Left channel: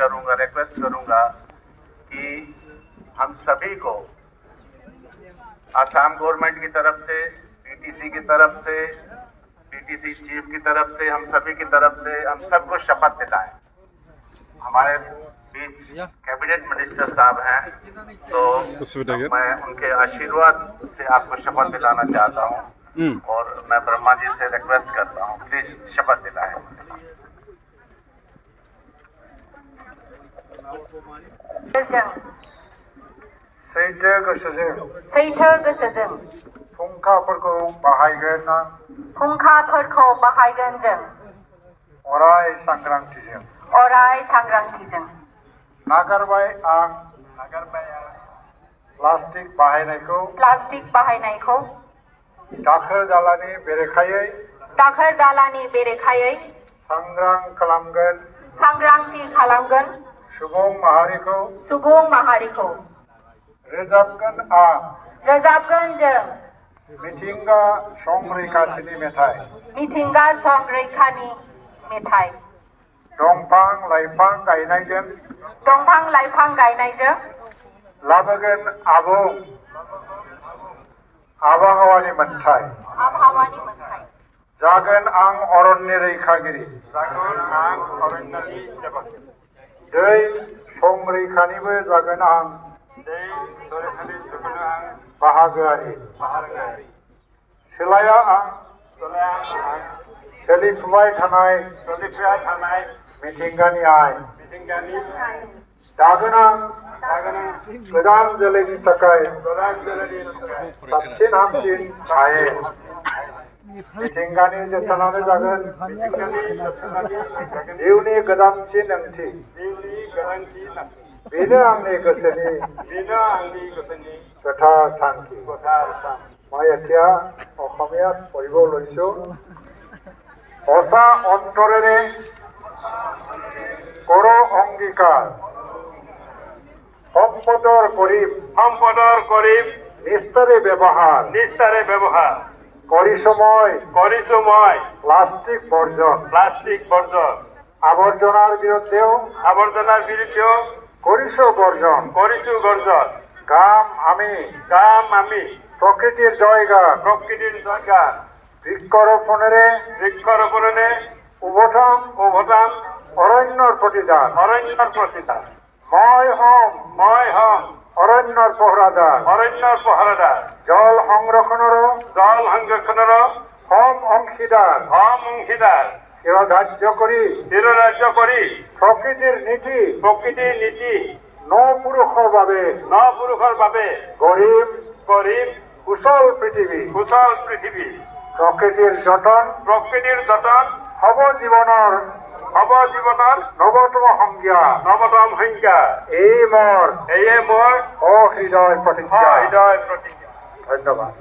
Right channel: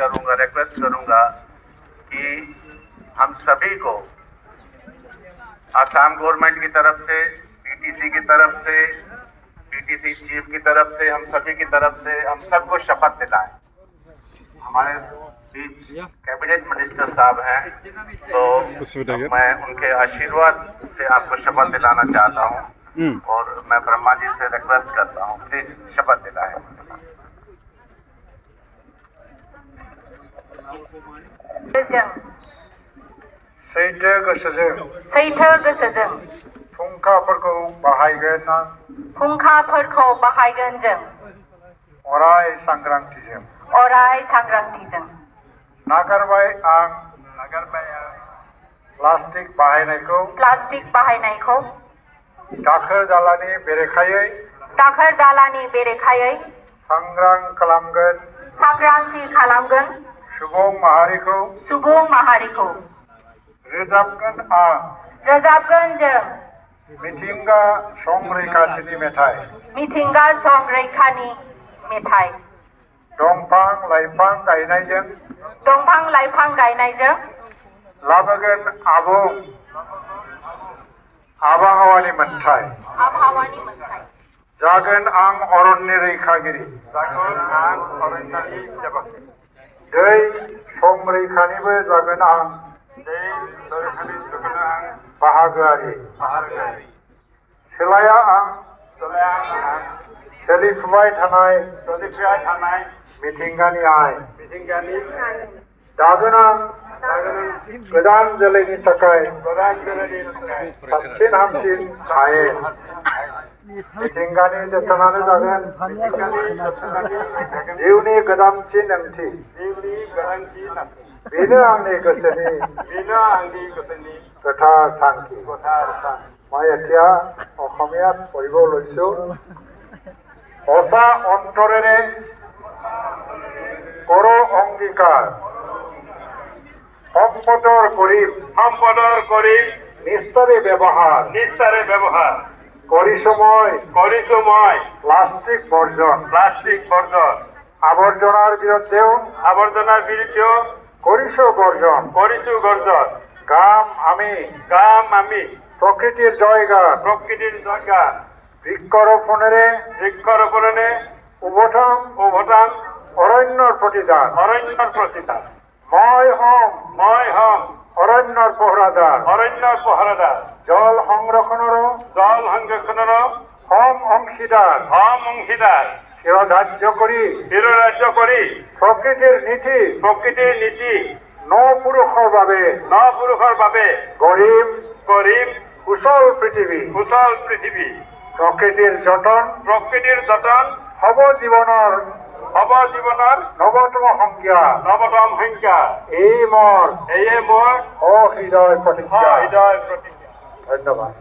करूंगा, रिक्वेस्ट करूंगा कि हम सभी को आसाम गवर्नमेंट की तरफ से, पीटीसी की तरफ से, पीटीसी चीफ की तरफ से, हम सभी की तरफ से हम सबको शपथ दिलाएं। हमारे बीच कैबिनेट मिनिस्टर साहब हैं, तो मैं उनके आशीर्वाद से आपको शपथ दिलाना चाहता हूं और मैं ब्रह्मा जी से रिक्वेस्ट करता हूं, प्लीज शपथ दिलाएं। सैथो गोसोजों फुंखाफोरखौ बाहायगोन जों अराय सांग्रांथिजों नागारबाय आं प्लास्टिक बाहायनायखौ दाखोर दालानि बेरेखायै सांग्रांथि खालामगोन सुबुं माहारिखौ रोजाबगोन जों मिथिंगा संरैखाथिनि मेथाइ दंफां लाइफां गायनायजों लाबोगोन आबुं आबहावानि मोन्थाय जागोन आं अरण्य रैखागिरि दै संरैखानिबो जागोन आं बाहागोआरि सोलाया आं सोलिफुबाय थानाय मिथिंगानि आय दागोन आं गोदान जोलैनि थाखाय साबसिन हामसिन आयेन मिथिंगानि जोथोनानो जागोन जिउनि गोदानसिन ओंथि बेनो आंनि गोसोनि गोथार थांखि মই এতিয়া অসমীয়াত পঢ়িব লৈছো সঁচা অন্তৰেৰে কৰো অংগীকাৰ সম্পদৰ কৰিম নিষ্ঠাৰে ব্যৱহাৰ কৰিছো মই প্লাষ্টিক বৰ্জন আৱৰ্জনাৰ বিৰুদ্ধেও কৰিছো গৰ্জন গাম আমি প্ৰকৃতিৰ জয়গান বৃক্ষৰোপণেৰে উভতাম অৰণ্যৰ প্ৰতিদান মই হম অৰণ্যৰ পহৰাদাৰ জল সংৰক্ষণৰো হম অংশীদাৰ শিৰধাৰ্য কৰি প্ৰকৃতিৰ নীতি নপুৰুষৰ বাবে গঢ়িম কুশল পৃথিৱী প্ৰকৃতিৰ যতন হব জীৱনৰ নৱতম সংজ্ঞা এই মোৰ অহৃদয় প্ৰতিজ্ঞা ধন্যবাদ।